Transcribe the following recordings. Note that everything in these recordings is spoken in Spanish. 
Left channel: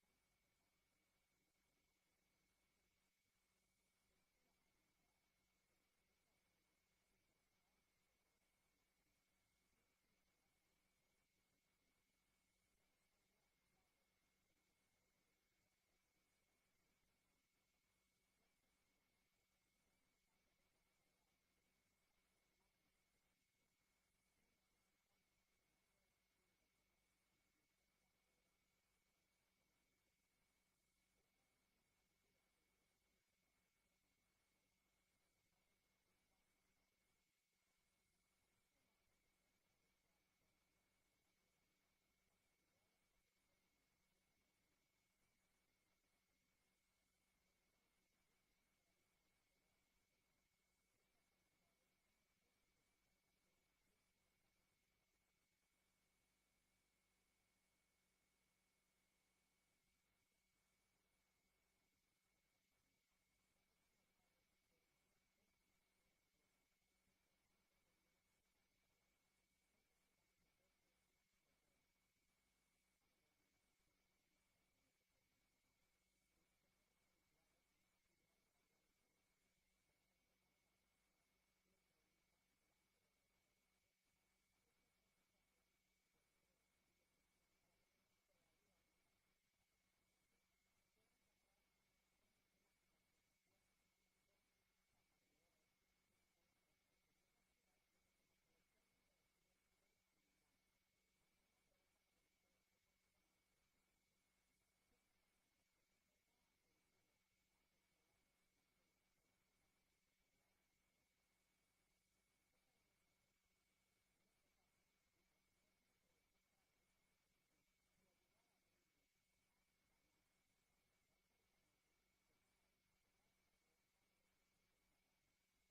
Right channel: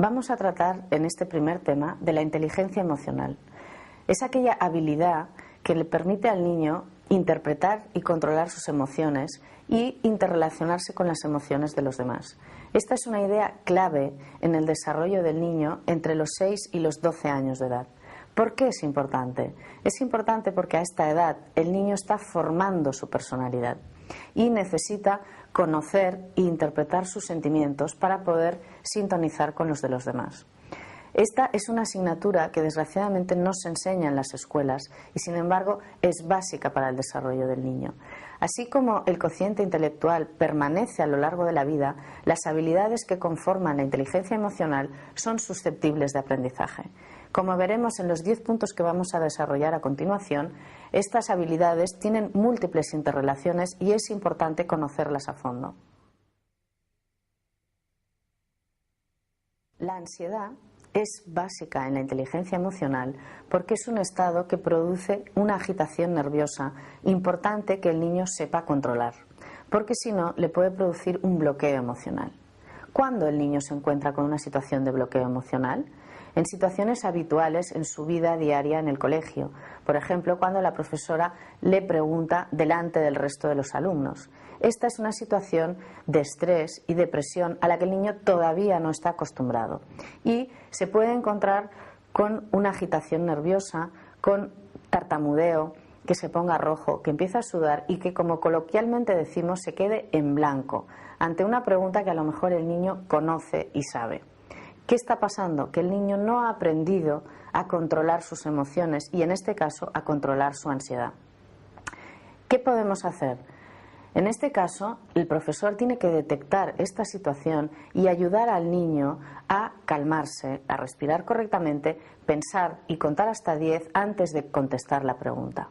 Vamos a tratar en este primer tema de la inteligencia emocional. Es aquella habilidad que le permite al niño interpretar y controlar sus emociones y interrelacionarse con las emociones de los demás. Esta es una idea clave en el desarrollo del niño entre los 6 y los 12 años de edad. ¿Por qué es importante? Es importante porque a esta edad el niño está formando su personalidad y necesita conocer e interpretar sus sentimientos para poder sintonizar con los de los demás. Esta es una asignatura que desgraciadamente no se enseña en las escuelas y sin embargo es básica para el desarrollo del niño. Así como el cociente intelectual permanece a lo largo de la vida, las habilidades que conforman la inteligencia emocional son susceptibles de aprendizaje. Como veremos en los 10 puntos que vamos a desarrollar a continuación, estas habilidades tienen múltiples interrelaciones y es importante conocerlas a fondo. La ansiedad es básica en la inteligencia emocional porque es un estado que produce una agitación nerviosa importante que el niño sepa controlar, porque si no le puede producir un bloqueo emocional. ¿Cuándo el niño se encuentra con una situación de bloqueo emocional? En situaciones habituales en su vida diaria en el colegio, por ejemplo, cuando la profesora le pregunta delante del resto de los alumnos. Esta es una situación de estrés y depresión a la que el niño todavía no está acostumbrado y se puede encontrar con una agitación nerviosa, con tartamudeo, que se ponga rojo, que empiece a sudar y que, como coloquialmente decimos, se quede en blanco ante una pregunta que a lo mejor el niño conoce y sabe. ¿Qué está pasando? Que el niño no ha aprendido a controlar sus emociones y en este caso a controlar su ansiedad. ¿Qué podemos hacer? En este caso, el profesor tiene que detectar esta situación y ayudar al niño a calmarse, a respirar correctamente, pensar y contar hasta 10 antes de contestar la pregunta.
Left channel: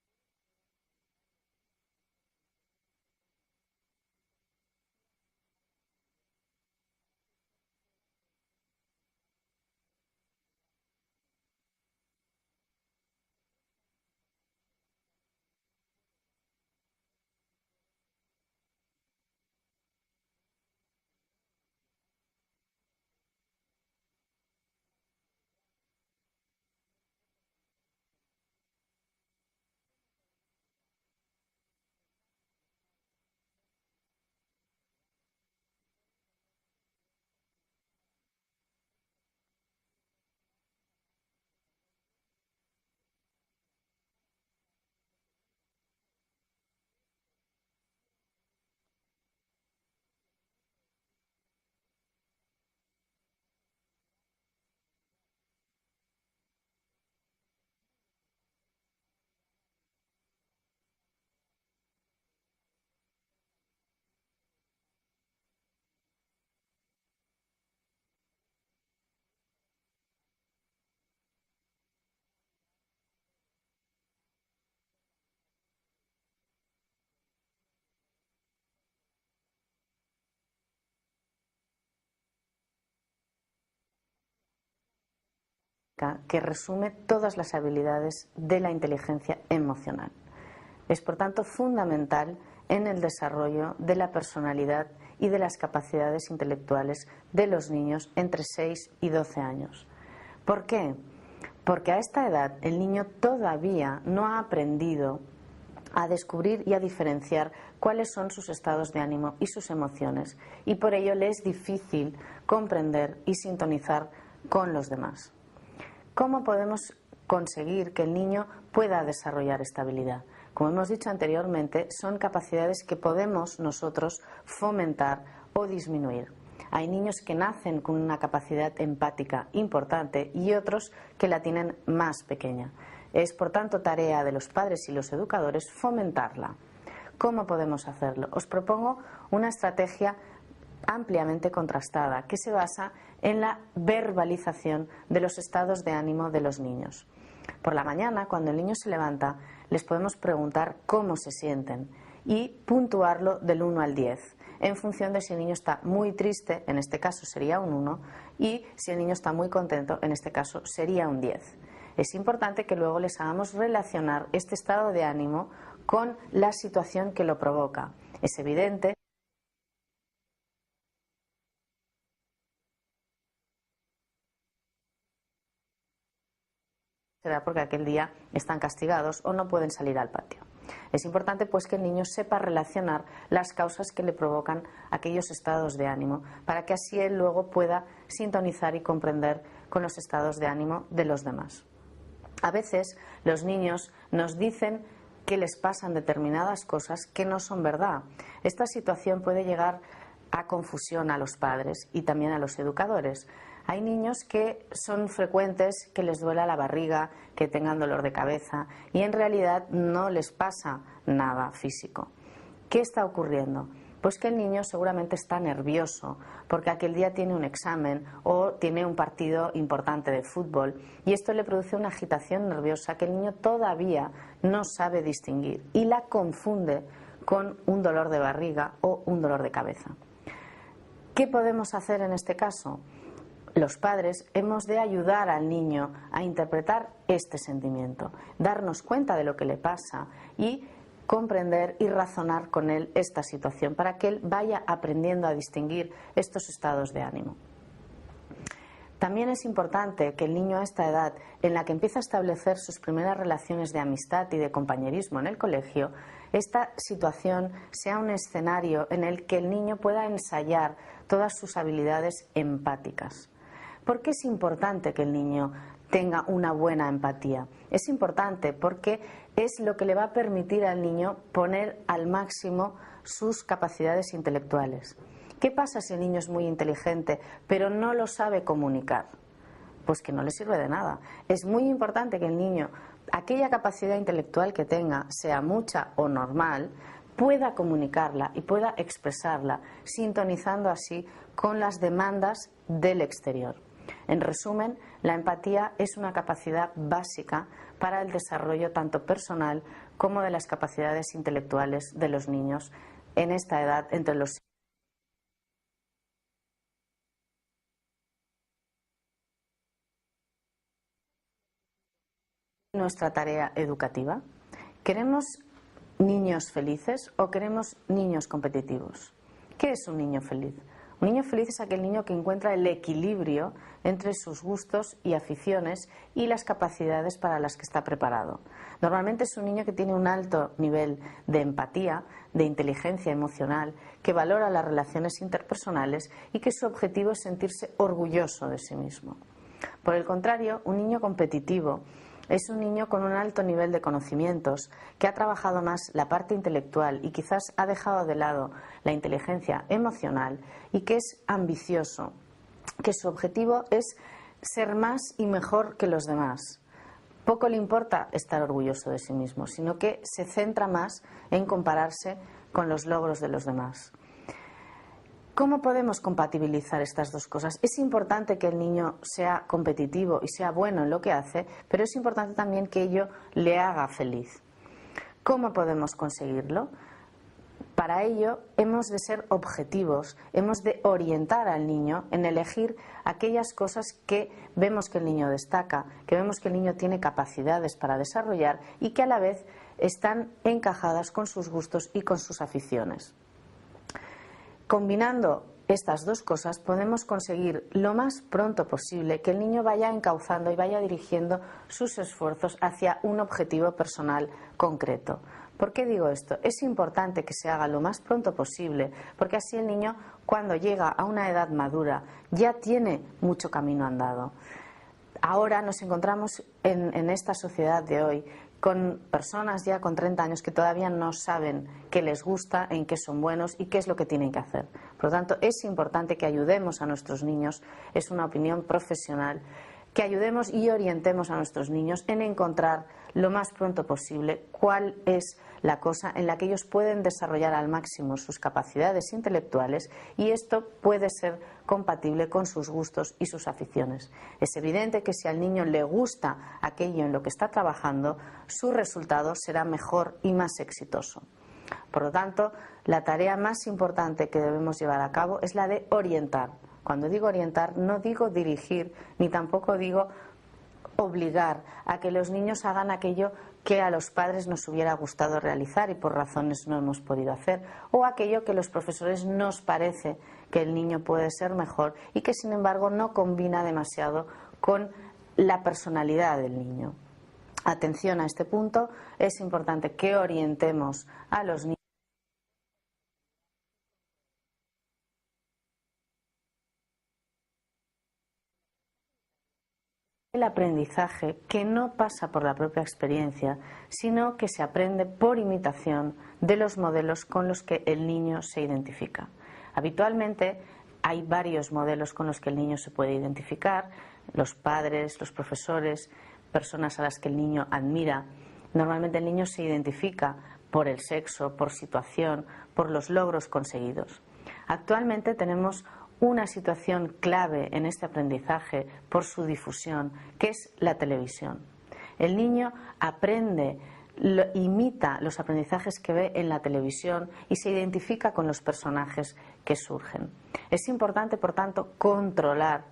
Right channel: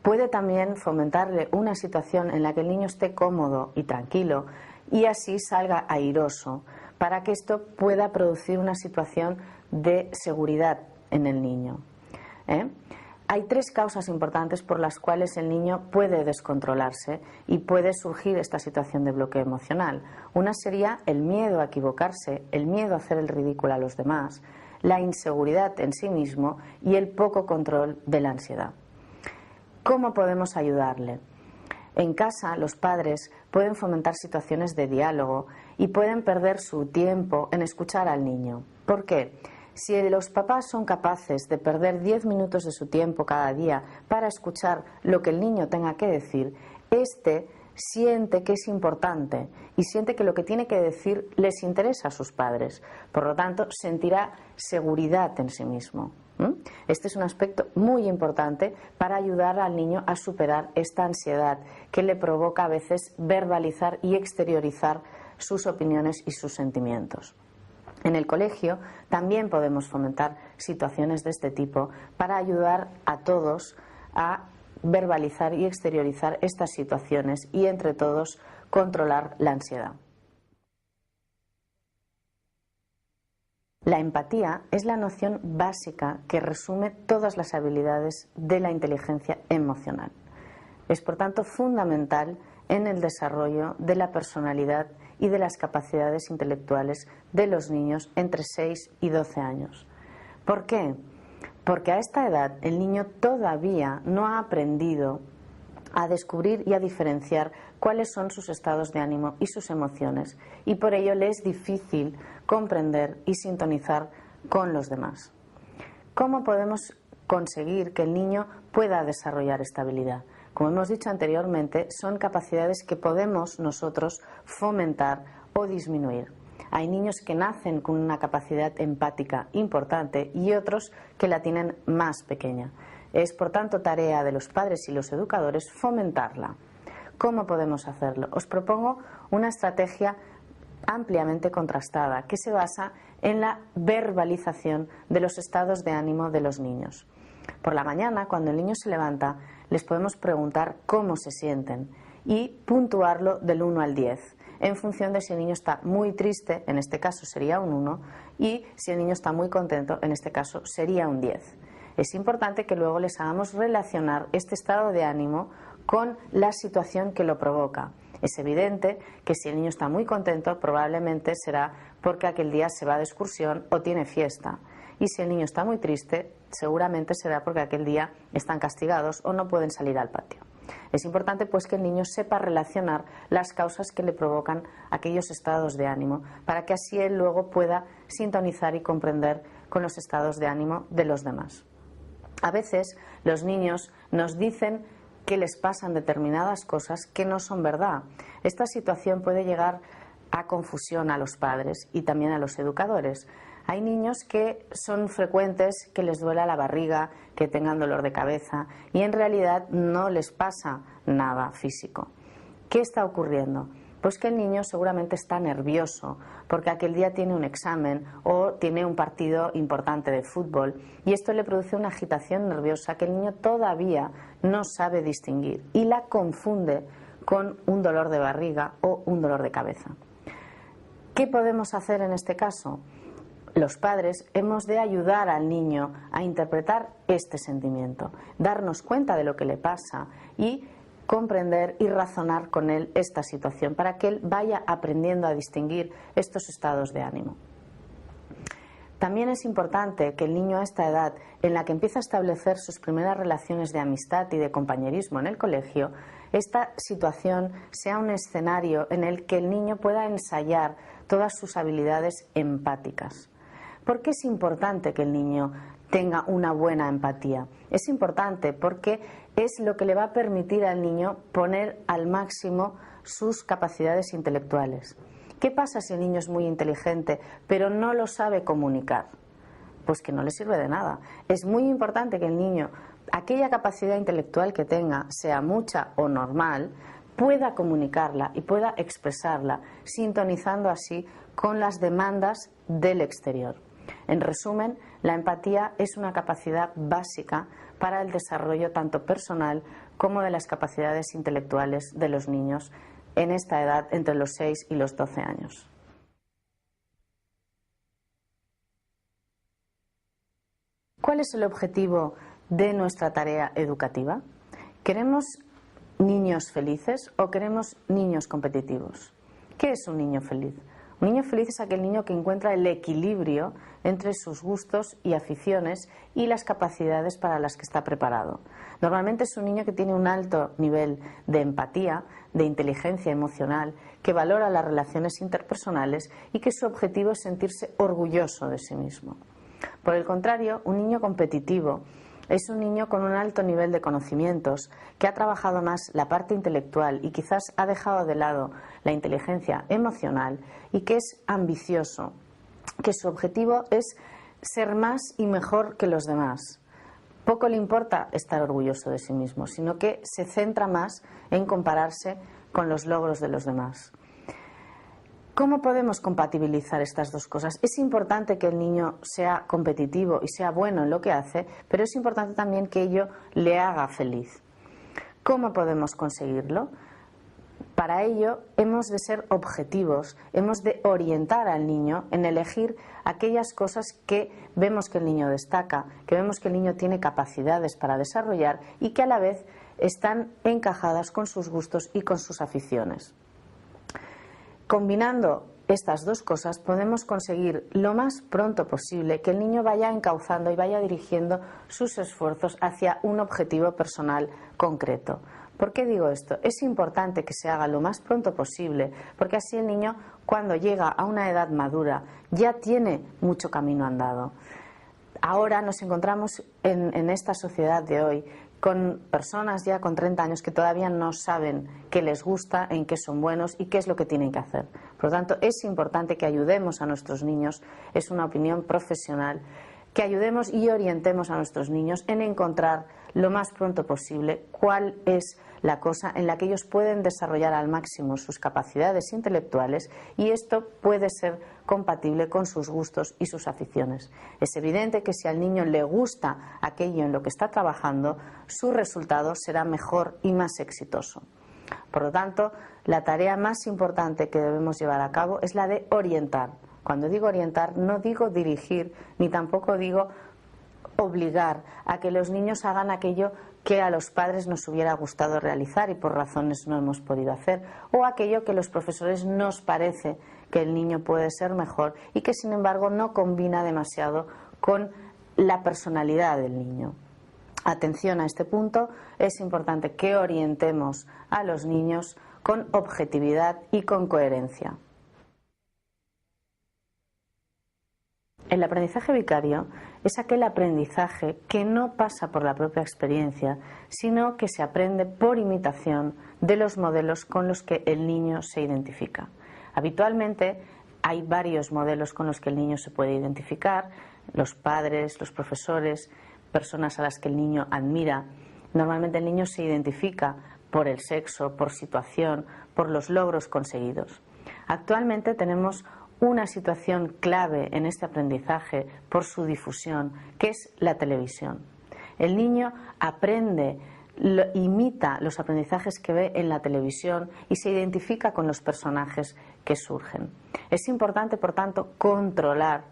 Puede también fomentarle una situación en la que el niño esté cómodo y tranquilo y así salga airoso, para que esto pueda producir una situación de seguridad en el niño. Hay 3 causas importantes por las cuales el niño puede descontrolarse y puede surgir esta situación de bloqueo emocional. Una sería el miedo a equivocarse, el miedo a hacer el ridículo a los demás, la inseguridad en sí mismo y el poco control de la ansiedad. ¿Cómo podemos ayudarle? En casa, los padres pueden fomentar situaciones de diálogo y pueden perder su tiempo en escuchar al niño. ¿Por qué? Si los papás son capaces de perder 10 minutos de su tiempo cada día para escuchar lo que el niño tenga que decir, este siente que es importante y siente que lo que tiene que decir les interesa a sus padres. Por lo tanto, sentirá seguridad en sí mismo. Este es un aspecto muy importante para ayudar al niño a superar esta ansiedad que le provoca a veces verbalizar y exteriorizar sus opiniones y sus sentimientos. En el colegio también podemos fomentar situaciones de este tipo para ayudar a todos a verbalizar y exteriorizar estas situaciones y entre todos controlar la ansiedad. La empatía es la noción básica que resume todas las habilidades de la inteligencia emocional. Es por tanto fundamental en el desarrollo de la personalidad y de las capacidades intelectuales de los niños entre 6 y 12 años. ¿Por qué? Porque a esta edad el niño todavía no ha aprendido a descubrir y a diferenciar cuáles son sus estados de ánimo y sus emociones, y por ello le es difícil comprender y sintonizar con los demás. ¿Cómo podemos conseguir que el niño pueda desarrollar esta habilidad? Como hemos dicho anteriormente, son capacidades que podemos nosotros fomentar o disminuir. Hay niños que nacen con una capacidad empática importante y otros que la tienen más pequeña. Es, por tanto, tarea de los padres y los educadores fomentarla. ¿Cómo podemos hacerlo? Os propongo una estrategia ampliamente contrastada que se basa en la verbalización de los estados de ánimo de los niños. Por la mañana, cuando el niño se levanta, les podemos preguntar cómo se sienten y puntuarlo del 1 al 10, en función de si el niño está muy triste, en este caso sería un 1, y si el niño está muy contento, en este caso sería un 10. Es importante que luego les hagamos relacionar este estado de ánimo con la situación que lo provoca Es evidente que si el niño está muy contento, probablemente será porque aquel día se va de excursión o tiene fiesta. Y si el niño está muy triste, seguramente será porque aquel día están castigados o no pueden salir al patio. Es importante pues que el niño sepa relacionar las causas que le provocan aquellos estados de ánimo, para que así él luego pueda sintonizar y comprender con los estados de ánimo de los demás. A veces los niños nos dicen que les pasan determinadas cosas que no son verdad. Esta situación puede llegar a confusión a los padres y también a los educadores. Hay niños que son frecuentes que les duela la barriga, que tengan dolor de cabeza y en realidad no les pasa nada físico. ¿Qué está ocurriendo? Pues que el niño seguramente está nervioso porque aquel día tiene un examen o tiene un partido importante de fútbol y esto le produce una agitación nerviosa que el niño todavía no sabe distinguir y la confunde con un dolor de barriga o un dolor de cabeza. ¿Qué podemos hacer en este caso? Los padres hemos de ayudar al niño a interpretar este sentimiento, darnos cuenta de lo que le pasa y comprender y razonar con él esta situación para que él vaya aprendiendo a distinguir estos estados de ánimo. También es importante que el niño a esta edad, en la que empieza a establecer sus primeras relaciones de amistad y de compañerismo en el colegio, esta situación sea un escenario en el que el niño pueda ensayar todas sus habilidades empáticas. ¿Por qué es importante que el niño tenga una buena empatía? Es importante porque es lo que le va a permitir al niño poner al máximo sus capacidades intelectuales. ¿Qué pasa si el niño es muy inteligente pero no lo sabe comunicar? Pues que no le sirve de nada. Es muy importante que el niño, aquella capacidad intelectual que tenga, sea mucha o normal, pueda comunicarla y pueda expresarla, sintonizando así con las demandas del exterior. En resumen, la empatía es una capacidad básica para el desarrollo tanto personal como de las capacidades intelectuales de los niños en esta edad entre los 6 y los 12 años. ¿Cuál es el objetivo de nuestra tarea educativa? ¿Queremos niños felices o queremos niños competitivos? ¿Qué es un niño feliz? Un niño feliz es aquel niño que encuentra el equilibrio entre sus gustos y aficiones y las capacidades para las que está preparado. Normalmente es un niño que tiene un alto nivel de empatía, de inteligencia emocional, que valora las relaciones interpersonales y que su objetivo es sentirse orgulloso de sí mismo. Por el contrario, un niño competitivo es un niño con un alto nivel de conocimientos, que ha trabajado más la parte intelectual y quizás ha dejado de lado la inteligencia emocional y que es ambicioso, que su objetivo es ser más y mejor que los demás. Poco le importa estar orgulloso de sí mismo, sino que se centra más en compararse con los logros de los demás. ¿Cómo podemos compatibilizar estas dos cosas? Es importante que el niño sea competitivo y sea bueno en lo que hace, pero es importante también que ello le haga feliz. ¿Cómo podemos conseguirlo? Para ello hemos de ser objetivos, hemos de orientar al niño en elegir aquellas cosas que vemos que el niño destaca, que vemos que el niño tiene capacidades para desarrollar y que a la vez están encajadas con sus gustos y con sus aficiones. Combinando estas dos cosas podemos conseguir lo más pronto posible que el niño vaya encauzando y vaya dirigiendo sus esfuerzos hacia un objetivo personal concreto. ¿Por qué digo esto? Es importante que se haga lo más pronto posible, porque así el niño, cuando llega a una edad madura, ya tiene mucho camino andado. Ahora nos encontramos en esta sociedad de hoy con personas ya con 30 años que todavía no saben qué les gusta, en qué son buenos y qué es lo que tienen que hacer. Por lo tanto, es importante que ayudemos a nuestros niños, es una opinión profesional, que ayudemos y orientemos a nuestros niños en encontrar lo más pronto posible cuál es la cosa en la que ellos pueden desarrollar al máximo sus capacidades intelectuales y esto puede ser compatible con sus gustos y sus aficiones. Es evidente que si al niño le gusta aquello en lo que está trabajando, su resultado será mejor y más exitoso. Por lo tanto, la tarea más importante que debemos llevar a cabo es la de orientar. Cuando digo orientar, no digo dirigir, ni tampoco digo obligar a que los niños hagan aquello que a los padres nos hubiera gustado realizar y por razones no hemos podido hacer, o aquello que los profesores nos parece que el niño puede ser mejor y que sin embargo no combina demasiado con la personalidad del niño. Atención a este punto, es importante que orientemos a los niños con objetividad y con coherencia. El aprendizaje vicario es aquel aprendizaje que no pasa por la propia experiencia, sino que se aprende por imitación de los modelos con los que el niño se identifica. Habitualmente hay varios modelos con los que el niño se puede identificar: los padres, los profesores, personas a las que el niño admira. Normalmente el niño se identifica por el sexo, por situación, por los logros conseguidos. Actualmente tenemos una situación clave en este aprendizaje por su difusión, que es la televisión. El niño aprende, imita los aprendizajes que ve en la televisión y se identifica con los personajes que surgen. Es importante, por tanto, controlar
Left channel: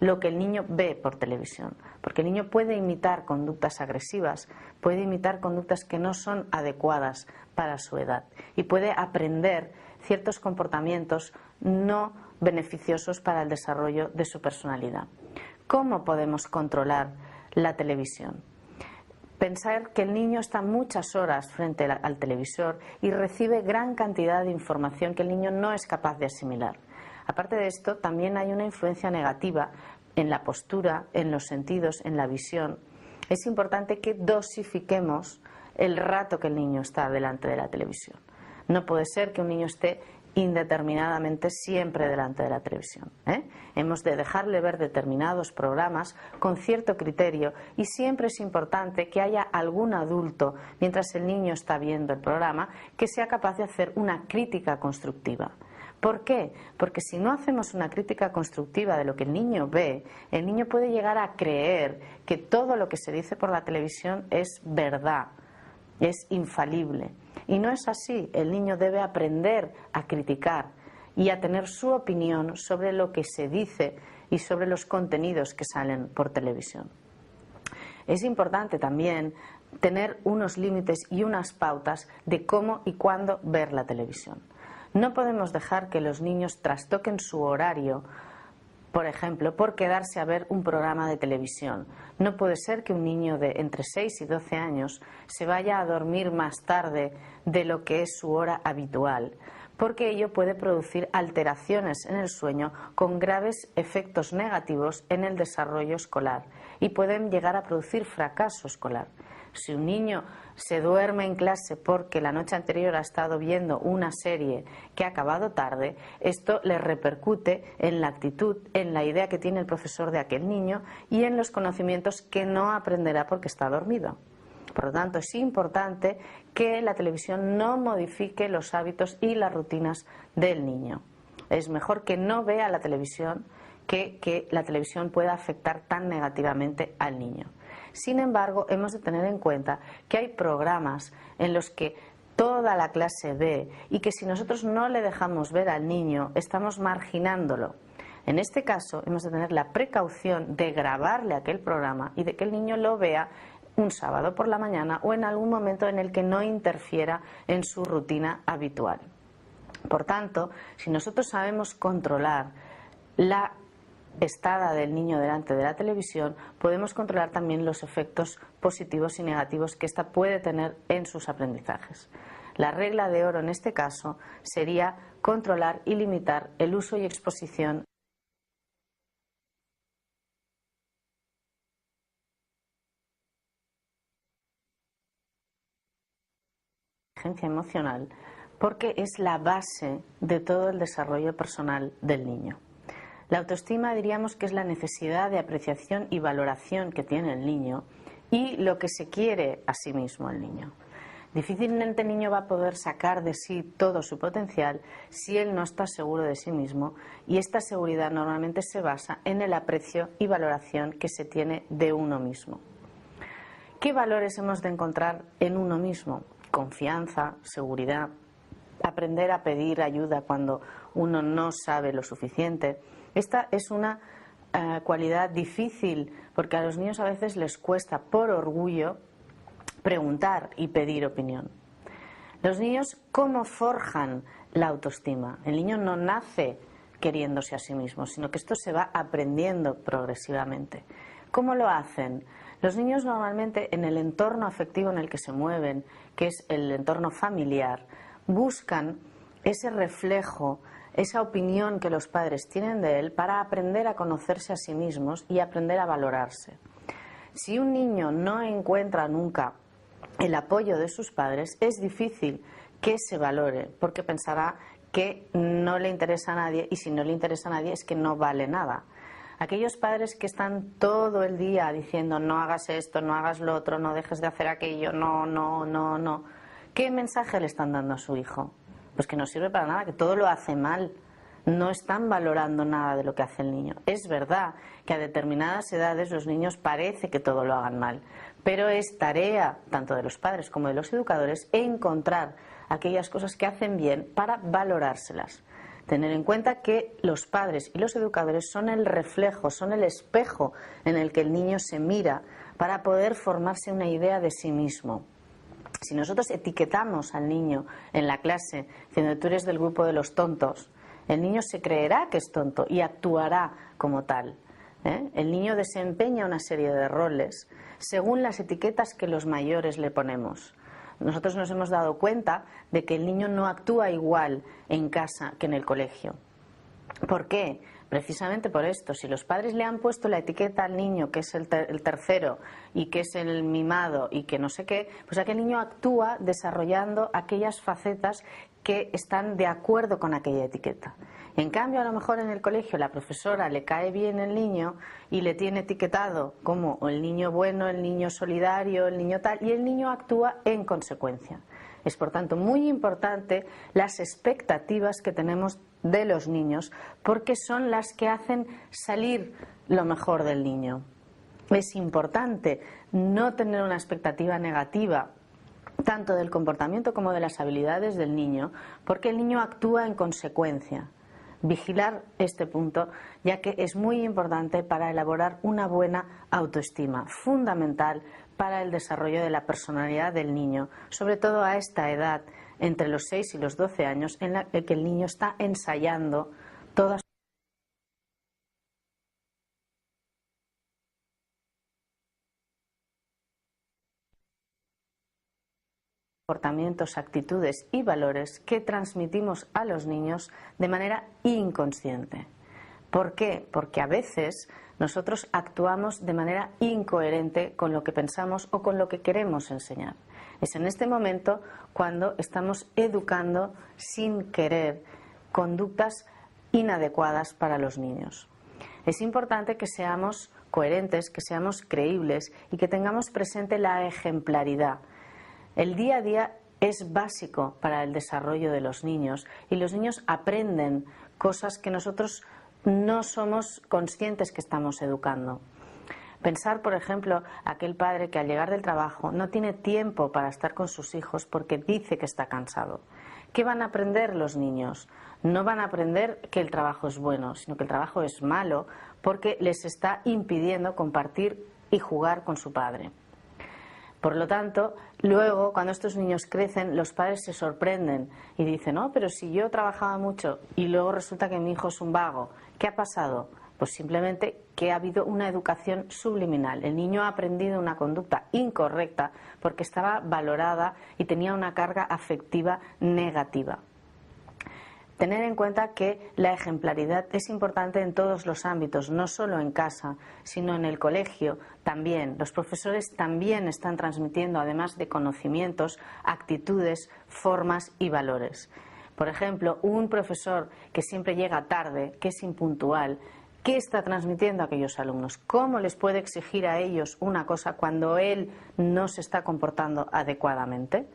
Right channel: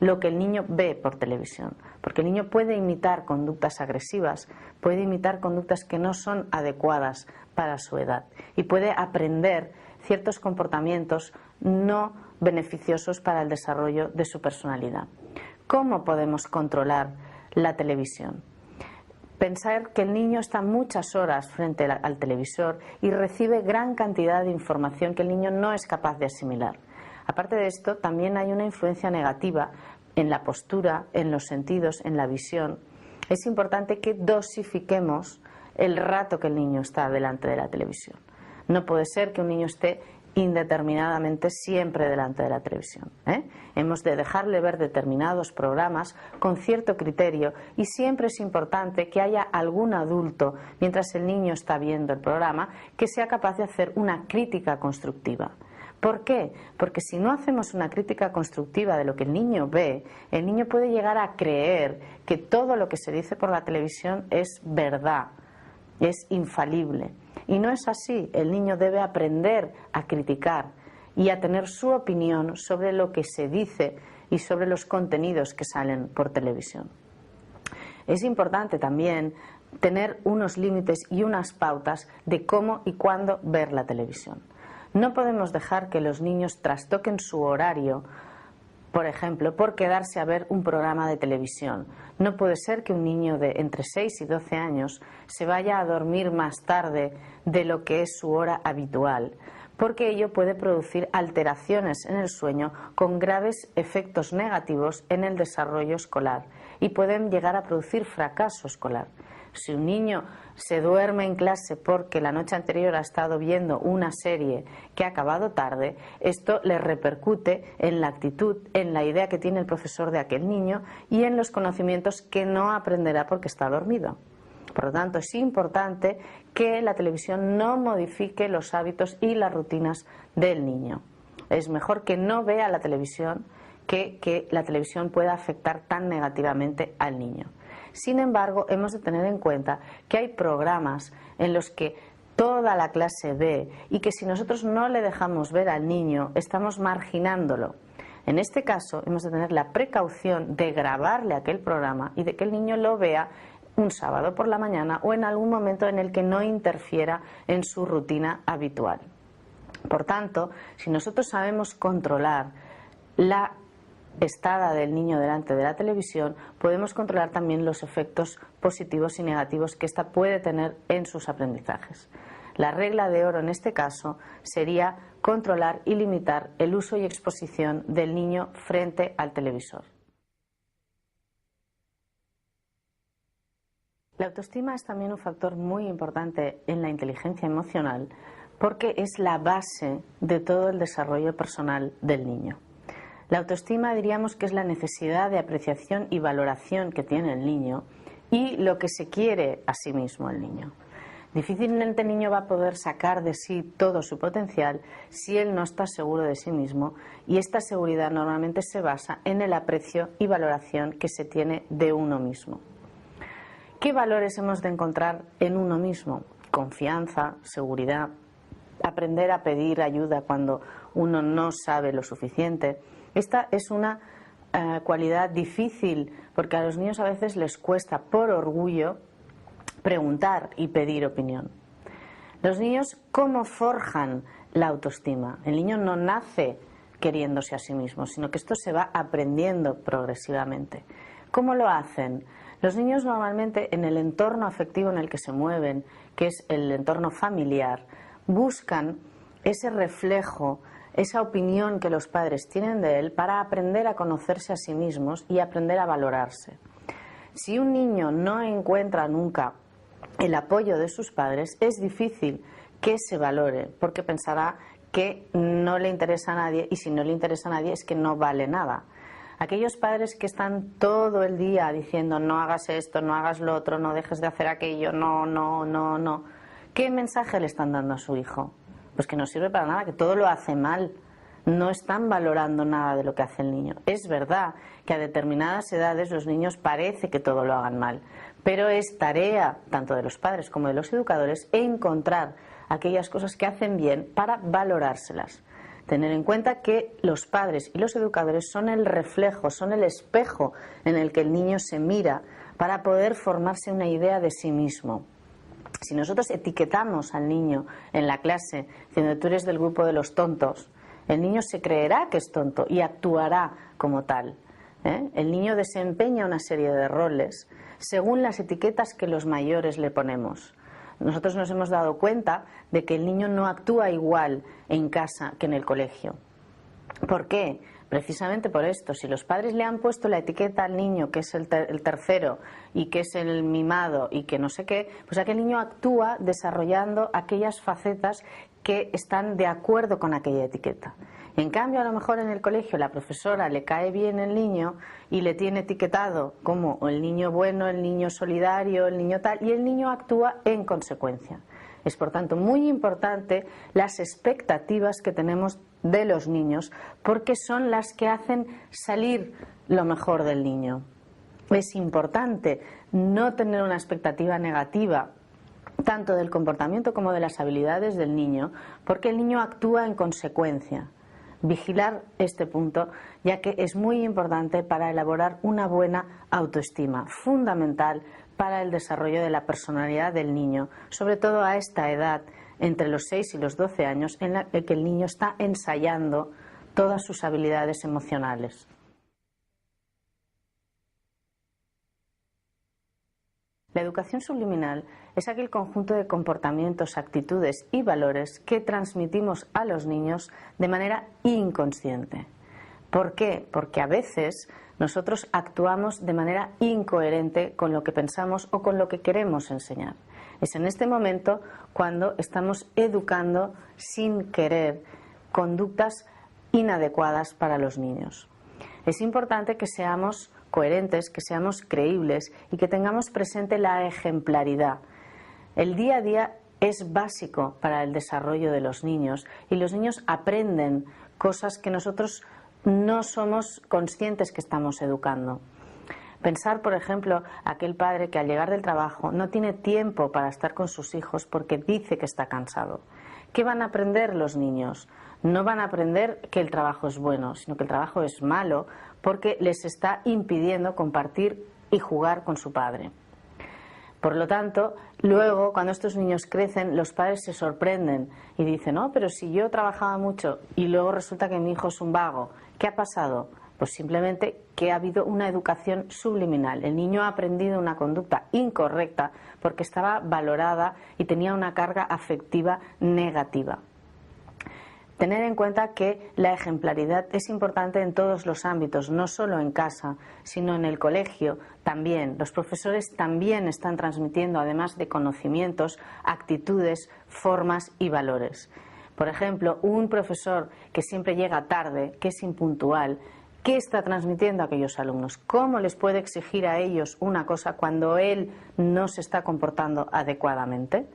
lo que el niño ve por televisión, porque el niño puede imitar conductas agresivas, puede imitar conductas que no son adecuadas para su edad y puede aprender ciertos comportamientos no beneficiosos para el desarrollo de su personalidad. ¿Cómo podemos controlar la televisión? Pensar que el niño está muchas horas frente al televisor y recibe gran cantidad de información que el niño no es capaz de asimilar. Aparte de esto, también hay una influencia negativa en la postura, en los sentidos, en la visión. Es importante que dosifiquemos el rato que el niño está delante de la televisión. No puede ser que un niño esté indeterminadamente siempre delante de la televisión. Hemos de dejarle ver determinados programas con cierto criterio y siempre es importante que haya algún adulto, mientras el niño está viendo el programa, que sea capaz de hacer una crítica constructiva. ¿Por qué? Porque si no hacemos una crítica constructiva de lo que el niño ve, el niño puede llegar a creer que todo lo que se dice por la televisión es verdad, es infalible. Y no es así. El niño debe aprender a criticar y a tener su opinión sobre lo que se dice y sobre los contenidos que salen por televisión. Es importante también tener unos límites y unas pautas de cómo y cuándo ver la televisión. No podemos dejar que los niños trastoquen su horario, por ejemplo, por quedarse a ver un programa de televisión. No puede ser que un niño de entre 6 y 12 años se vaya a dormir más tarde de lo que es su hora habitual, porque ello puede producir alteraciones en el sueño con graves efectos negativos en el desarrollo escolar y pueden llegar a producir fracaso escolar. Si un niño se duerme en clase porque la noche anterior ha estado viendo una serie que ha acabado tarde, esto le repercute en la actitud, en la idea que tiene el profesor de aquel niño y en los conocimientos que no aprenderá porque está dormido. Por lo tanto, es importante que la televisión no modifique los hábitos y las rutinas del niño. Es mejor que no vea la televisión que la televisión pueda afectar tan negativamente al niño. Sin embargo, hemos de tener en cuenta que hay programas en los que toda la clase ve y que si nosotros no le dejamos ver al niño, estamos marginándolo. En este caso, hemos de tener la precaución de grabarle aquel programa y de que el niño lo vea un sábado por la mañana o en algún momento en el que no interfiera en su rutina habitual. Por tanto, si nosotros sabemos controlar la estada del niño delante de la televisión, podemos controlar también los efectos positivos y negativos que ésta puede tener en sus aprendizajes. La regla de oro en este caso sería controlar y limitar el uso y exposición del niño frente al televisor. La autoestima es también un factor muy importante en la inteligencia emocional porque es la base de todo el desarrollo personal del niño. La autoestima diríamos que es la necesidad de apreciación y valoración que tiene el niño y lo que se quiere a sí mismo el niño. Difícilmente el niño va a poder sacar de sí todo su potencial si él no está seguro de sí mismo y esta seguridad normalmente se basa en el aprecio y valoración que se tiene de uno mismo. ¿Qué valores hemos de encontrar en uno mismo? Confianza, seguridad, aprender a pedir ayuda cuando uno no sabe lo suficiente. Esta es una cualidad difícil porque a los niños a veces les cuesta por orgullo preguntar y pedir opinión. Los niños, ¿cómo forjan la autoestima? El niño no nace queriéndose a sí mismo, sino que esto se va aprendiendo progresivamente. ¿Cómo lo hacen? Los niños normalmente en el entorno afectivo en el que se mueven, que es el entorno familiar, buscan ese reflejo, esa opinión que los padres tienen de él para aprender a conocerse a sí mismos y aprender a valorarse. Si un niño no encuentra nunca el apoyo de sus padres, es difícil que se valore, porque pensará que no le interesa a nadie, y si no le interesa a nadie es que no vale nada. Aquellos padres que están todo el día diciendo no hagas esto, no hagas lo otro, no dejes de hacer aquello, no, ¿qué mensaje le están dando a su hijo? Pues que no sirve para nada, que todo lo hace mal. No están valorando nada de lo que hace el niño. Es verdad que a determinadas edades los niños parece que todo lo hagan mal, pero es tarea tanto de los padres como de los educadores encontrar aquellas cosas que hacen bien para valorárselas. Tener en cuenta que los padres y los educadores son el reflejo, son el espejo en el que el niño se mira para poder formarse una idea de sí mismo. Si nosotros etiquetamos al niño en la clase diciendo tú eres del grupo de los tontos, el niño se creerá que es tonto y actuará como tal. El niño desempeña una serie de roles según las etiquetas que los mayores le ponemos. Nosotros nos hemos dado cuenta de que el niño no actúa igual en casa que en el colegio. ¿Por qué? Precisamente por esto. Si los padres le han puesto la etiqueta al niño que es el tercero y que es el mimado y que no sé qué, pues aquel niño actúa desarrollando aquellas facetas que están de acuerdo con aquella etiqueta. En cambio, a lo mejor en el colegio la profesora le cae bien el niño y le tiene etiquetado como el niño bueno, el niño solidario, el niño tal, y el niño actúa en consecuencia. Es, por tanto, muy importante las expectativas que tenemos de los niños, porque son las que hacen salir lo mejor del niño. Es importante no tener una expectativa negativa tanto del comportamiento como de las habilidades del niño, porque el niño actúa en consecuencia. Vigilar este punto, ya que es muy importante para elaborar una buena autoestima, fundamental para el desarrollo de la personalidad del niño, sobre todo a esta edad, entre los 6 y los 12 años, en la que el niño está ensayando todas sus habilidades emocionales. La educación subliminal es aquel conjunto de comportamientos, actitudes y valores que transmitimos a los niños de manera inconsciente. ¿Por qué? Porque a veces nosotros actuamos de manera incoherente con lo que pensamos o con lo que queremos enseñar. Es en este momento cuando estamos educando sin querer conductas inadecuadas para los niños. Es importante que seamos coherentes, que seamos creíbles y que tengamos presente la ejemplaridad. El día a día es básico para el desarrollo de los niños y los niños aprenden cosas que nosotros no somos conscientes que estamos educando. Pensar, por ejemplo, aquel padre que al llegar del trabajo no tiene tiempo para estar con sus hijos porque dice que está cansado. ¿Qué van a aprender los niños? No van a aprender que el trabajo es bueno, sino que el trabajo es malo porque les está impidiendo compartir y jugar con su padre. Por lo tanto, luego, cuando estos niños crecen, los padres se sorprenden y dicen, no, pero si yo trabajaba mucho y luego resulta que mi hijo es un vago, ¿qué ha pasado? Pues simplemente que ha habido una educación subliminal. El niño ha aprendido una conducta incorrecta porque estaba valorada y tenía una carga afectiva negativa. Tener en cuenta que la ejemplaridad es importante en todos los ámbitos, no solo en casa, sino en el colegio también. Los profesores también están transmitiendo, además de conocimientos, actitudes, formas y valores. Por ejemplo, un profesor que siempre llega tarde, que es impuntual, ¿qué está transmitiendo a aquellos alumnos? ¿Cómo les puede exigir a ellos una cosa cuando él no se está comportando adecuadamente?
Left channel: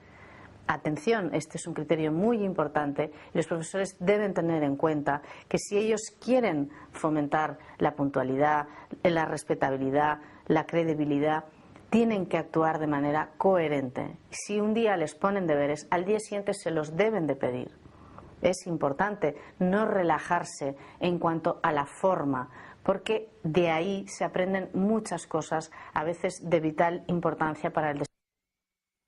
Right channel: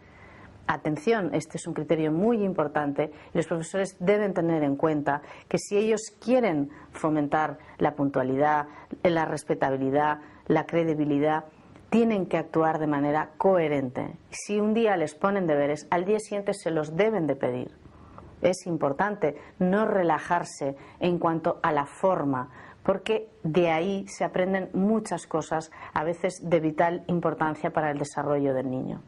Atención, este es un criterio muy importante y los profesores deben tener en cuenta que si ellos quieren fomentar la puntualidad, la respetabilidad, la credibilidad, tienen que actuar de manera coherente. Si un día les ponen deberes, al día siguiente se los deben de pedir. Es importante no relajarse en cuanto a la forma, porque de ahí se aprenden muchas cosas, a veces de vital importancia para el desarrollo del niño.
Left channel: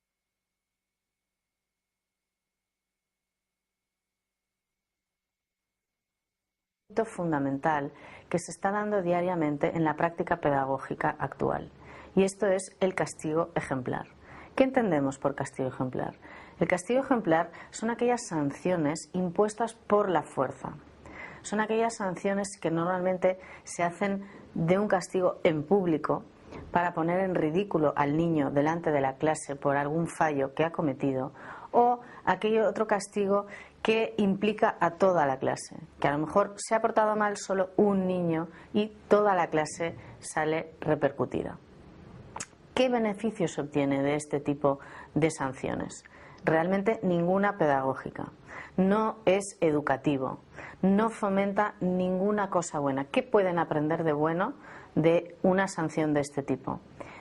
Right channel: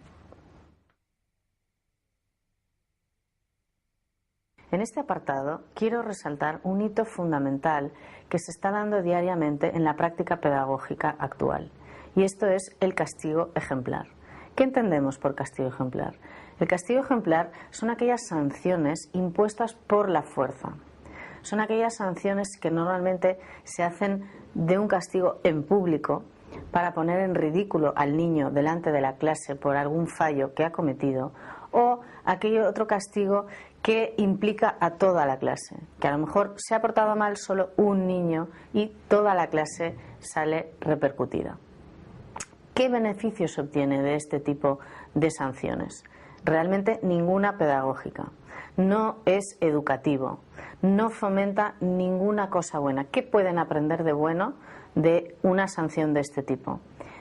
En este apartado quiero resaltar un hito fundamental que se está dando diariamente en la práctica pedagógica actual, y esto es el castigo ejemplar. ¿Qué entendemos por castigo ejemplar? El castigo ejemplar son aquellas sanciones impuestas por la fuerza. Son aquellas sanciones que normalmente se hacen de un castigo en público para poner en ridículo al niño delante de la clase por algún fallo que ha cometido, o aquel otro castigo que implica a toda la clase, que a lo mejor se ha portado mal solo un niño y toda la clase sale repercutida. ¿Qué beneficios se obtiene de este tipo de sanciones? Realmente ninguna pedagógica. No es educativo, no fomenta ninguna cosa buena. ¿Qué pueden aprender de bueno de una sanción de este tipo?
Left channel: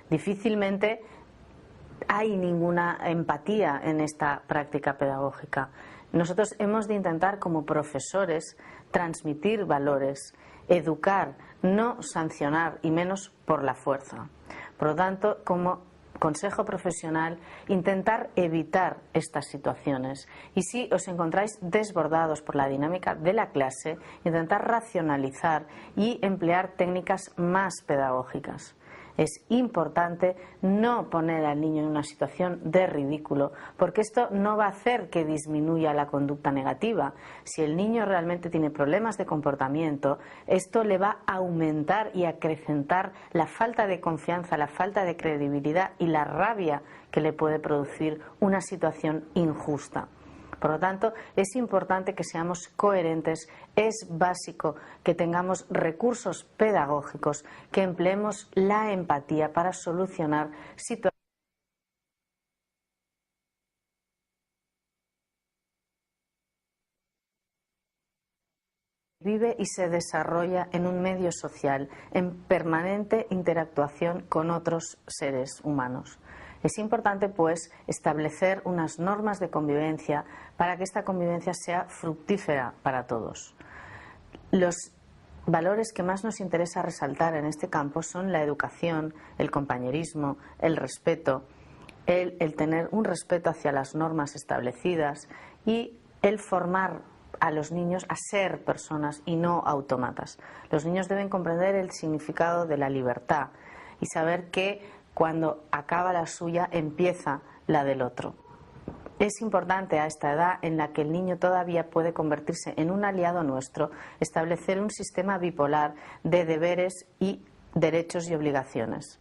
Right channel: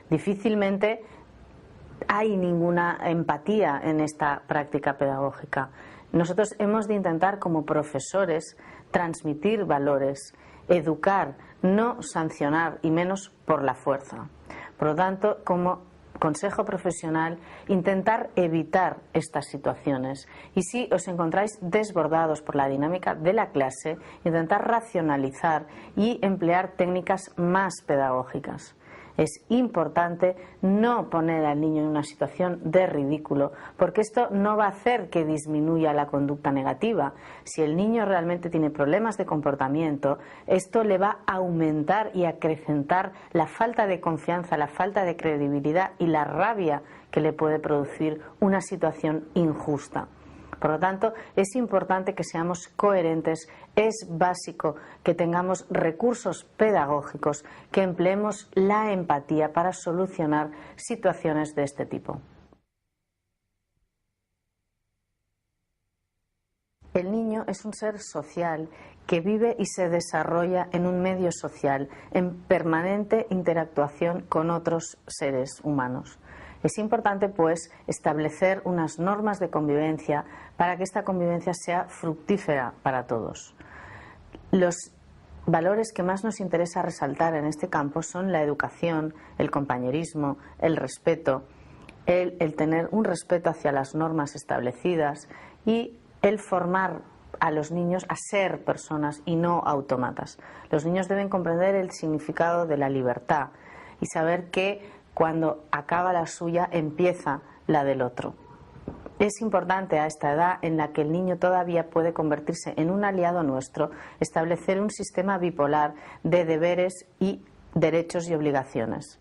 Difícilmente hay ninguna empatía en esta práctica pedagógica. Nosotros hemos de intentar como profesores transmitir valores, educar, no sancionar y menos por la fuerza. Por lo tanto, como consejo profesional, intentar evitar estas situaciones. Y si os encontráis desbordados por la dinámica de la clase, intentar racionalizar y emplear técnicas más pedagógicas. Es importante no poner al niño en una situación de ridículo, porque esto no va a hacer que disminuya la conducta negativa. Si el niño realmente tiene problemas de comportamiento, esto le va a aumentar y acrecentar la falta de confianza, la falta de credibilidad y la rabia que le puede producir una situación injusta. Por lo tanto, es importante que seamos coherentes, es básico que tengamos recursos pedagógicos, que empleemos la empatía para solucionar situaciones de este tipo. El niño es un ser social que vive y se desarrolla en un medio social, en permanente interactuación con otros seres humanos. Es importante, pues, establecer unas normas de convivencia para que esta convivencia sea fructífera para todos. Los valores que más nos interesa resaltar en este campo son la educación, el compañerismo, el respeto, el tener un respeto hacia las normas establecidas y el formar a los niños a ser personas y no autómatas. Los niños deben comprender el significado de la libertad y saber que cuando acaba la suya empieza la del otro. Es importante a esta edad en la que el niño todavía puede convertirse en un aliado nuestro, establecer un sistema bipolar de deberes y derechos y obligaciones.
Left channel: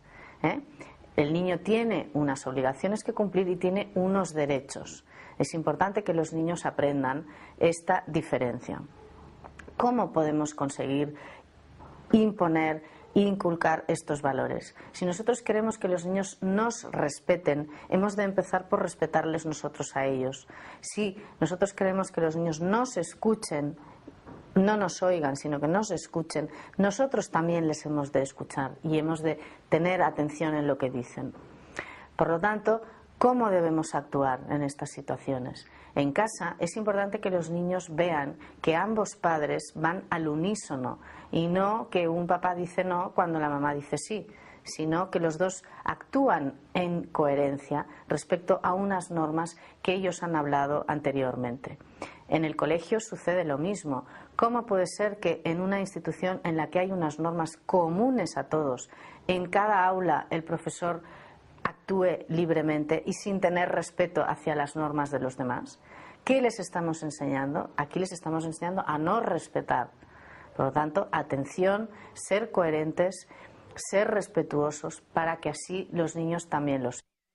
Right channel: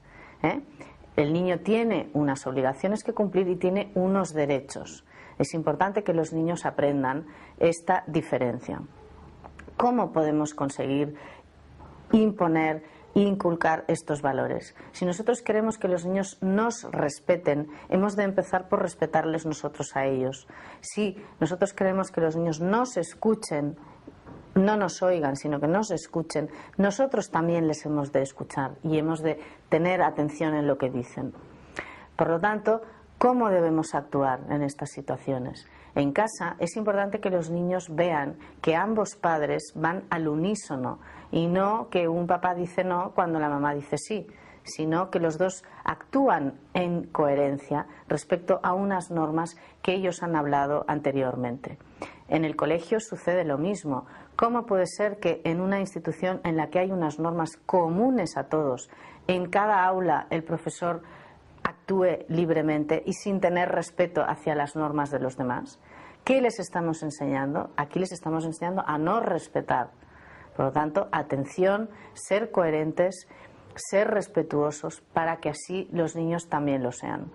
El niño tiene unas obligaciones que cumplir y tiene unos derechos. Es importante que los niños aprendan esta diferencia. ¿Cómo podemos conseguir imponer e inculcar estos valores? Si nosotros queremos que los niños nos respeten, hemos de empezar por respetarles nosotros a ellos. Si nosotros queremos que los niños nos escuchen, no nos oigan, sino que nos escuchen, nosotros también les hemos de escuchar y hemos de tener atención en lo que dicen. Por lo tanto, ¿cómo debemos actuar en estas situaciones? En casa es importante que los niños vean que ambos padres van al unísono y no que un papá dice no cuando la mamá dice sí, sino que los dos actúan en coherencia respecto a unas normas que ellos han hablado anteriormente. En el colegio sucede lo mismo. ¿Cómo puede ser que en una institución en la que hay unas normas comunes a todos, en cada aula el profesor actúe libremente y sin tener respeto hacia las normas de los demás? ¿Qué les estamos enseñando? Aquí les estamos enseñando a no respetar. Por lo tanto, atención, ser coherentes, ser respetuosos para que así los niños también lo sean.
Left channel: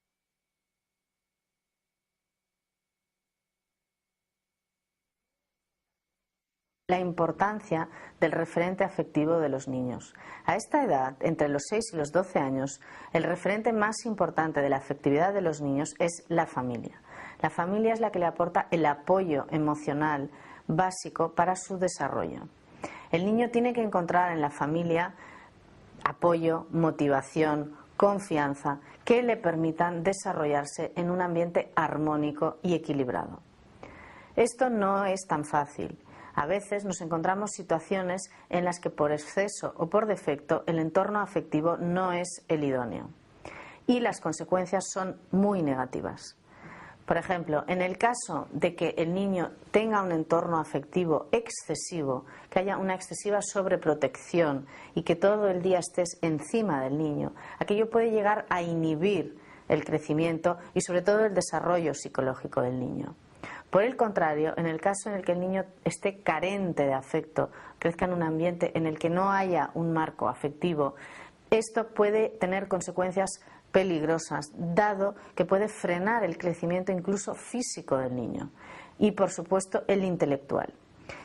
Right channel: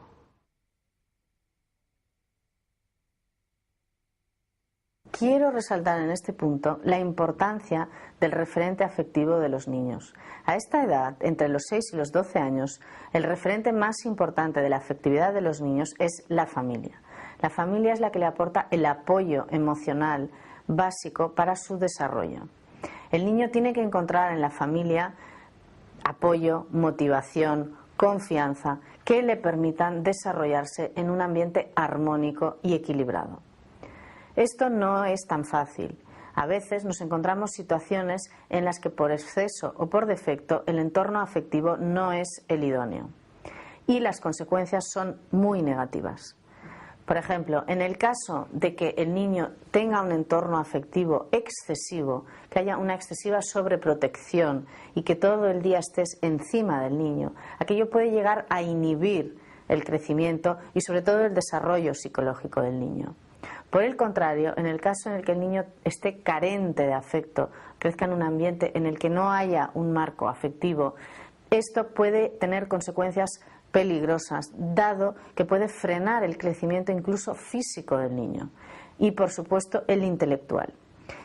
Quiero resaltar en este punto la importancia del referente afectivo de los niños. A esta edad, entre los 6 y los 12 años, el referente más importante de la afectividad de los niños es la familia. La familia es la que le aporta el apoyo emocional básico para su desarrollo. El niño tiene que encontrar en la familia apoyo, motivación, confianza que le permitan desarrollarse en un ambiente armónico y equilibrado. Esto no es tan fácil. A veces nos encontramos situaciones en las que por exceso o por defecto el entorno afectivo no es el idóneo y las consecuencias son muy negativas. Por ejemplo, en el caso de que el niño tenga un entorno afectivo excesivo, que haya una excesiva sobreprotección y que todo el día estés encima del niño, aquello puede llegar a inhibir el crecimiento y sobre todo el desarrollo psicológico del niño. Por el contrario, en el caso en el que el niño esté carente de afecto, crezca en un ambiente en el que no haya un marco afectivo, esto puede tener consecuencias peligrosas, dado que puede frenar el crecimiento incluso físico del niño y, por supuesto, el intelectual.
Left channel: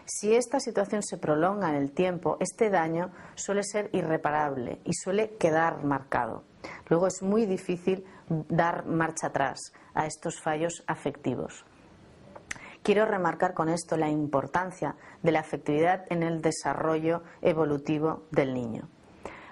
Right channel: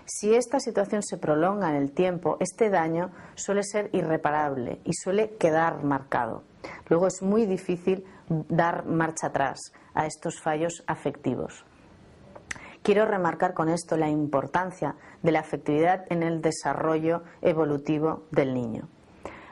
Si esta situación se prolonga en el tiempo, este daño suele ser irreparable y suele quedar marcado. Luego es muy difícil dar marcha atrás a estos fallos afectivos. Quiero remarcar con esto la importancia de la afectividad en el desarrollo evolutivo del niño.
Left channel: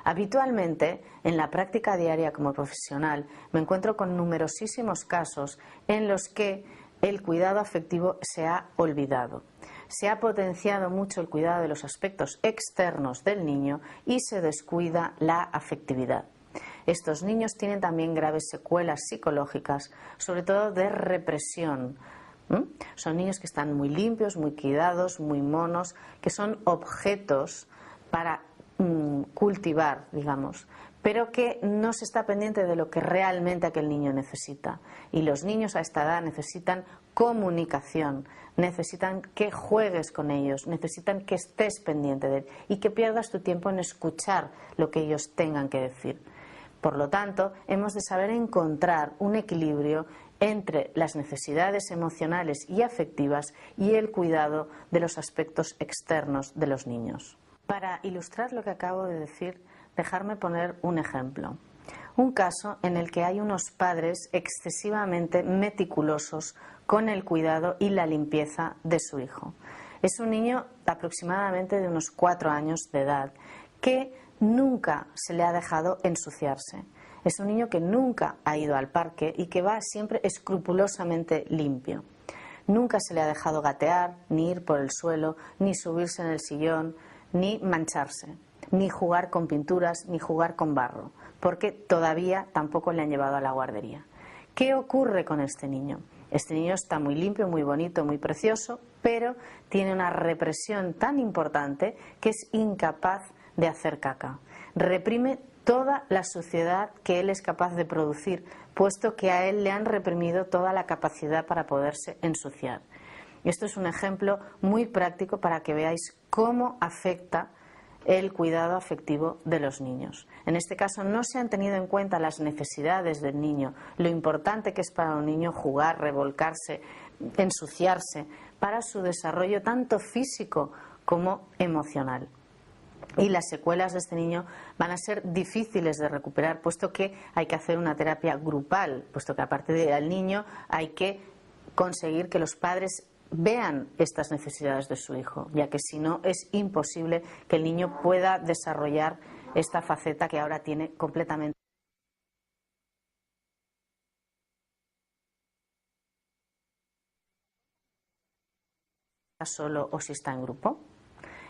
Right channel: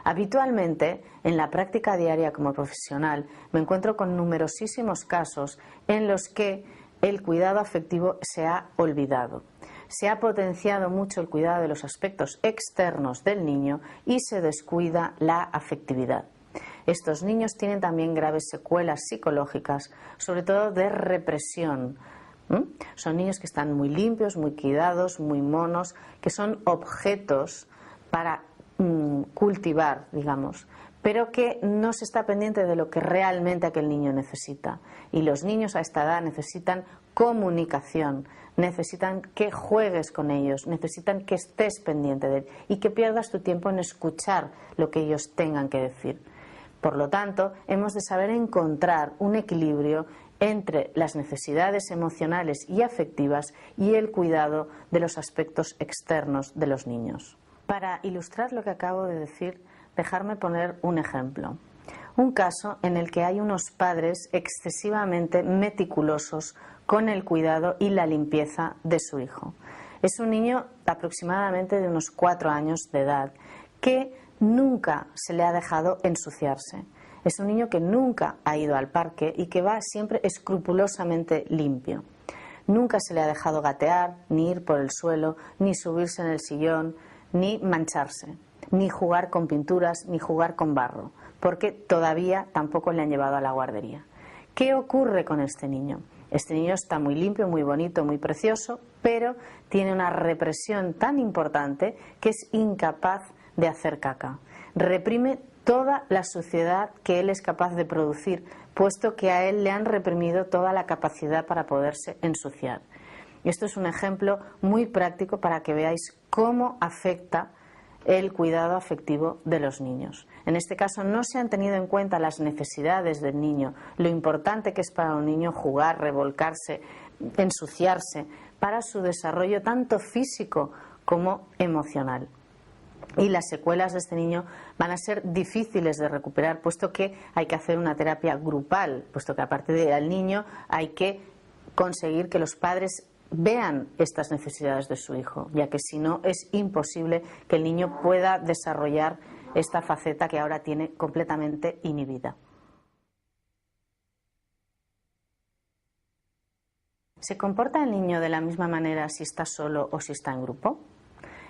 Habitualmente, en la práctica diaria como profesional, me encuentro con numerosísimos casos en los que el cuidado afectivo se ha olvidado. Se ha potenciado mucho el cuidado de los aspectos externos del niño y se descuida la afectividad. Estos niños tienen también graves secuelas psicológicas, sobre todo de represión. Son niños que están muy limpios, muy cuidados, muy monos, que son objetos para cultivar, digamos, pero que no se está pendiente de lo que realmente aquel niño necesita. Y los niños a esta edad necesitan comunicación, necesitan que juegues con ellos, necesitan que estés pendiente de él y que pierdas tu tiempo en escuchar lo que ellos tengan que decir. Por lo tanto, hemos de saber encontrar un equilibrio entre las necesidades emocionales y afectivas y el cuidado de los aspectos externos de los niños. Para ilustrar lo que acabo de decir, dejarme poner un ejemplo. Un caso en el que hay unos padres excesivamente meticulosos con el cuidado y la limpieza de su hijo. Es un niño aproximadamente de unos 4 años de edad que nunca se le ha dejado ensuciarse. Es un niño que nunca ha ido al parque y que va siempre escrupulosamente limpio. Nunca se le ha dejado gatear, ni ir por el suelo, ni subirse en el sillón, ni mancharse, ni jugar con pinturas, ni jugar con barro, porque todavía tampoco le han llevado a la guardería. ¿Qué ocurre con este niño? Este niño está muy limpio, muy bonito, muy precioso, pero tiene una represión tan importante que es incapaz de hacer caca. Reprime toda la suciedad que él es capaz de producir, puesto que a él le han reprimido toda la capacidad para poderse ensuciar. Esto es un ejemplo muy práctico para que veáis cómo afecta el cuidado afectivo de los niños. En este caso no se han tenido en cuenta las necesidades del niño, lo importante que es para un niño jugar, revolcarse, ensuciarse, para su desarrollo tanto físico como emocional. Y las secuelas de este niño van a ser difíciles de recuperar, puesto que hay que hacer una terapia grupal, puesto que a partir del niño hay que conseguir que los padres vean estas necesidades de su hijo, ya que si no es imposible que el niño pueda desarrollar esta faceta que ahora tiene completamente inhibida. ¿Se comporta el niño de la misma manera si está solo o si está en grupo?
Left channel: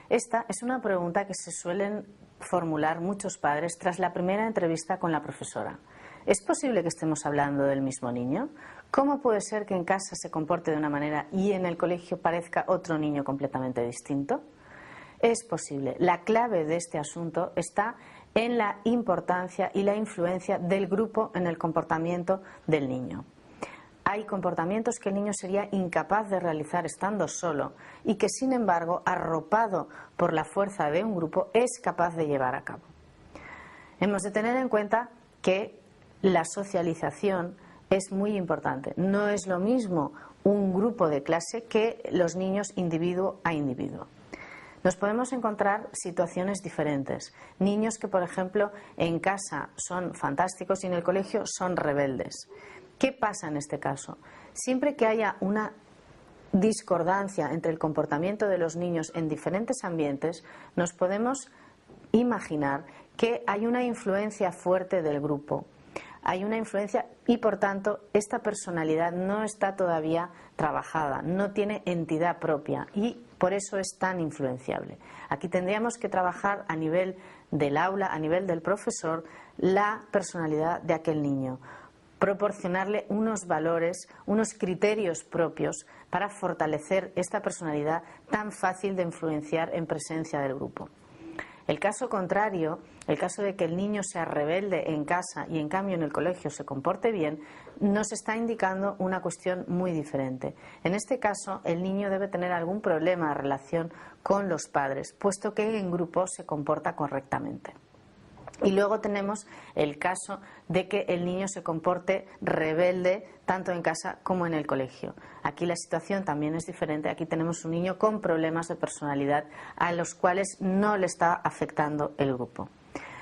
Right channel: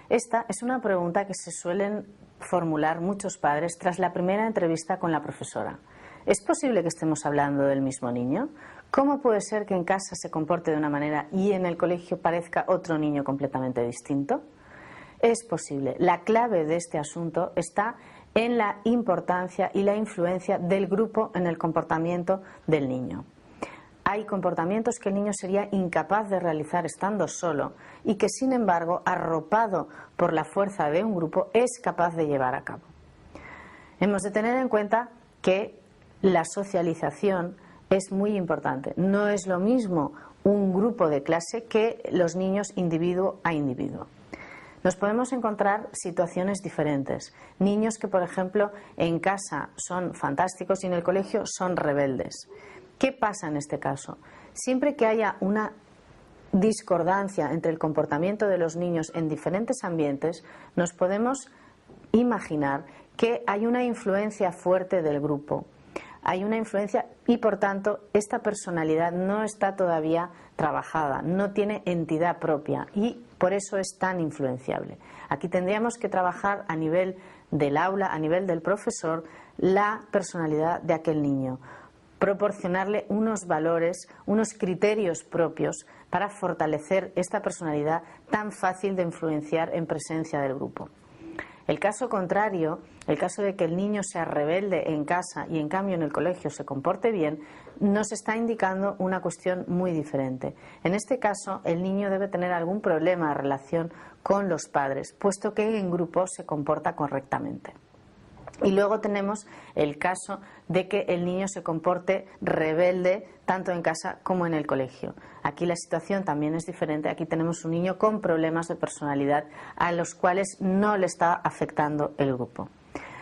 Esta es una pregunta que se suelen formular muchos padres tras la primera entrevista con la profesora. ¿Es posible que estemos hablando del mismo niño? ¿Cómo puede ser que en casa se comporte de una manera y en el colegio parezca otro niño completamente distinto? Es posible. La clave de este asunto está en la importancia y la influencia del grupo en el comportamiento del niño. Hay comportamientos que el niño sería incapaz de realizar estando solo y que, sin embargo, arropado por la fuerza de un grupo, es capaz de llevar a cabo. Hemos de tener en cuenta que la socialización es muy importante. No es lo mismo un grupo de clase que los niños individuo a individuo. Nos podemos encontrar situaciones diferentes. Niños que, por ejemplo, en casa son fantásticos y en el colegio son rebeldes. ¿Qué pasa en este caso? Siempre que haya una discordancia entre el comportamiento de los niños en diferentes ambientes, nos podemos imaginar que hay una influencia fuerte del grupo. hay una influencia y, por tanto, esta personalidad no está todavía trabajada, no tiene entidad propia y por eso es tan influenciable. Aquí tendríamos que trabajar a nivel del aula, a nivel del profesor, la personalidad de aquel niño, proporcionarle unos valores, unos criterios propios para fortalecer esta personalidad tan fácil de influenciar en presencia del grupo. El caso contrario, el caso de que el niño sea rebelde en casa y en cambio en el colegio se comporte bien, nos está indicando una cuestión muy diferente. En este caso, el niño debe tener algún problema de relación con los padres, puesto que en grupo se comporta correctamente. Y luego tenemos el caso de que el niño se comporte rebelde tanto en casa como en el colegio. Aquí la situación también es diferente. Aquí tenemos un niño con problemas de personalidad a los cuales no le está afectando el grupo.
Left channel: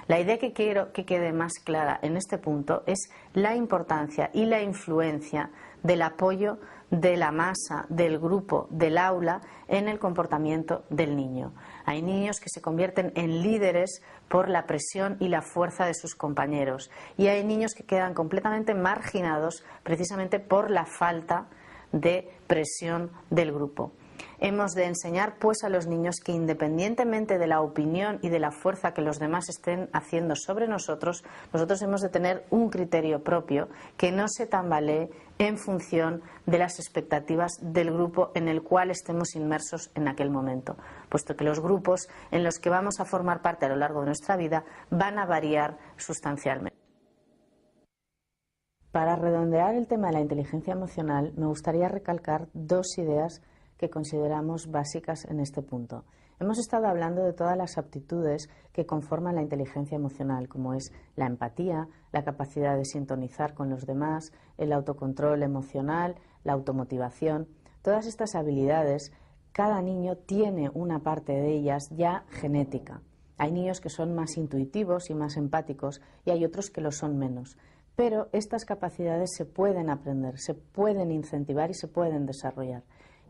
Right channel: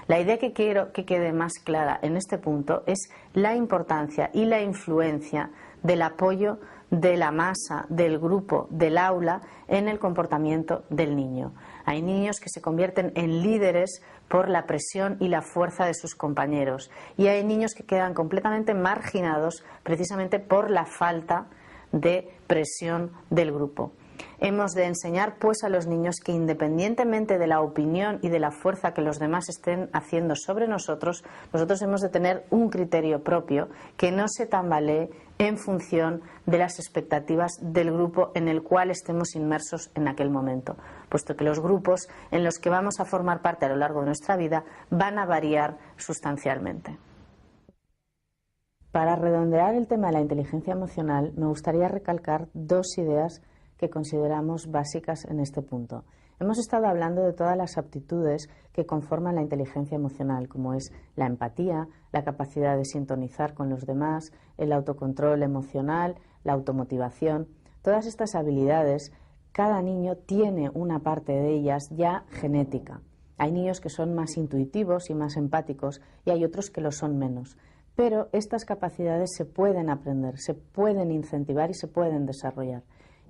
La idea que quiero que quede más clara en este punto es la importancia y la influencia del apoyo de la masa, del grupo, del aula en el comportamiento del niño. Hay niños que se convierten en líderes por la presión y la fuerza de sus compañeros y hay niños que quedan completamente marginados precisamente por la falta de presión del grupo. Hemos de enseñar pues a los niños que independientemente de la opinión y de la fuerza que los demás estén haciendo sobre nosotros, nosotros hemos de tener un criterio propio que no se tambalee en función de las expectativas del grupo en el cual estemos inmersos en aquel momento, puesto que los grupos en los que vamos a formar parte a lo largo de nuestra vida van a variar sustancialmente. Para redondear el tema de la inteligencia emocional, me gustaría recalcar dos ideas que consideramos básicas en este punto. Hemos estado hablando de todas las aptitudes que conforman la inteligencia emocional, como es la empatía, la capacidad de sintonizar con los demás, el autocontrol emocional, la automotivación. Todas estas habilidades, cada niño tiene una parte de ellas ya genética. Hay niños que son más intuitivos y más empáticos y hay otros que lo son menos. Pero estas capacidades se pueden aprender, se pueden incentivar y se pueden desarrollar.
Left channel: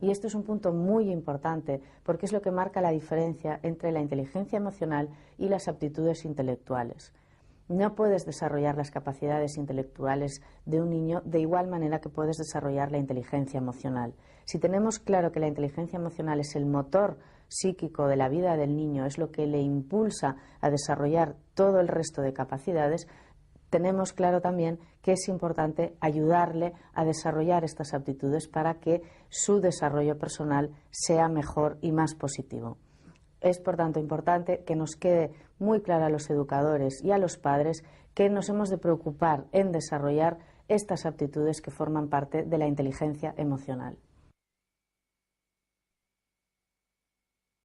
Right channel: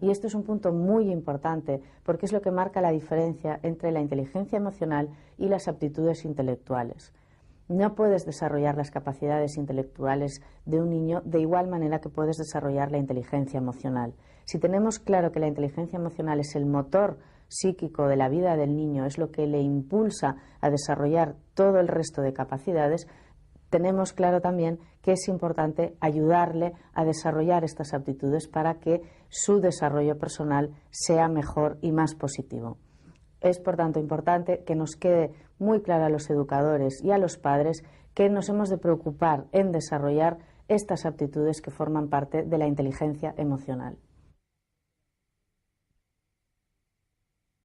Y esto es un punto muy importante porque es lo que marca la diferencia entre la inteligencia emocional y las aptitudes intelectuales. No puedes desarrollar las capacidades intelectuales de un niño de igual manera que puedes desarrollar la inteligencia emocional. Si tenemos claro que la inteligencia emocional es el motor psíquico de la vida del niño, es lo que le impulsa a desarrollar todo el resto de capacidades, tenemos claro también que es importante ayudarle a desarrollar estas aptitudes para que su desarrollo personal sea mejor y más positivo. Es, por tanto, importante que nos quede muy claro a los educadores y a los padres que nos hemos de preocupar en desarrollar estas aptitudes que forman parte de la inteligencia emocional.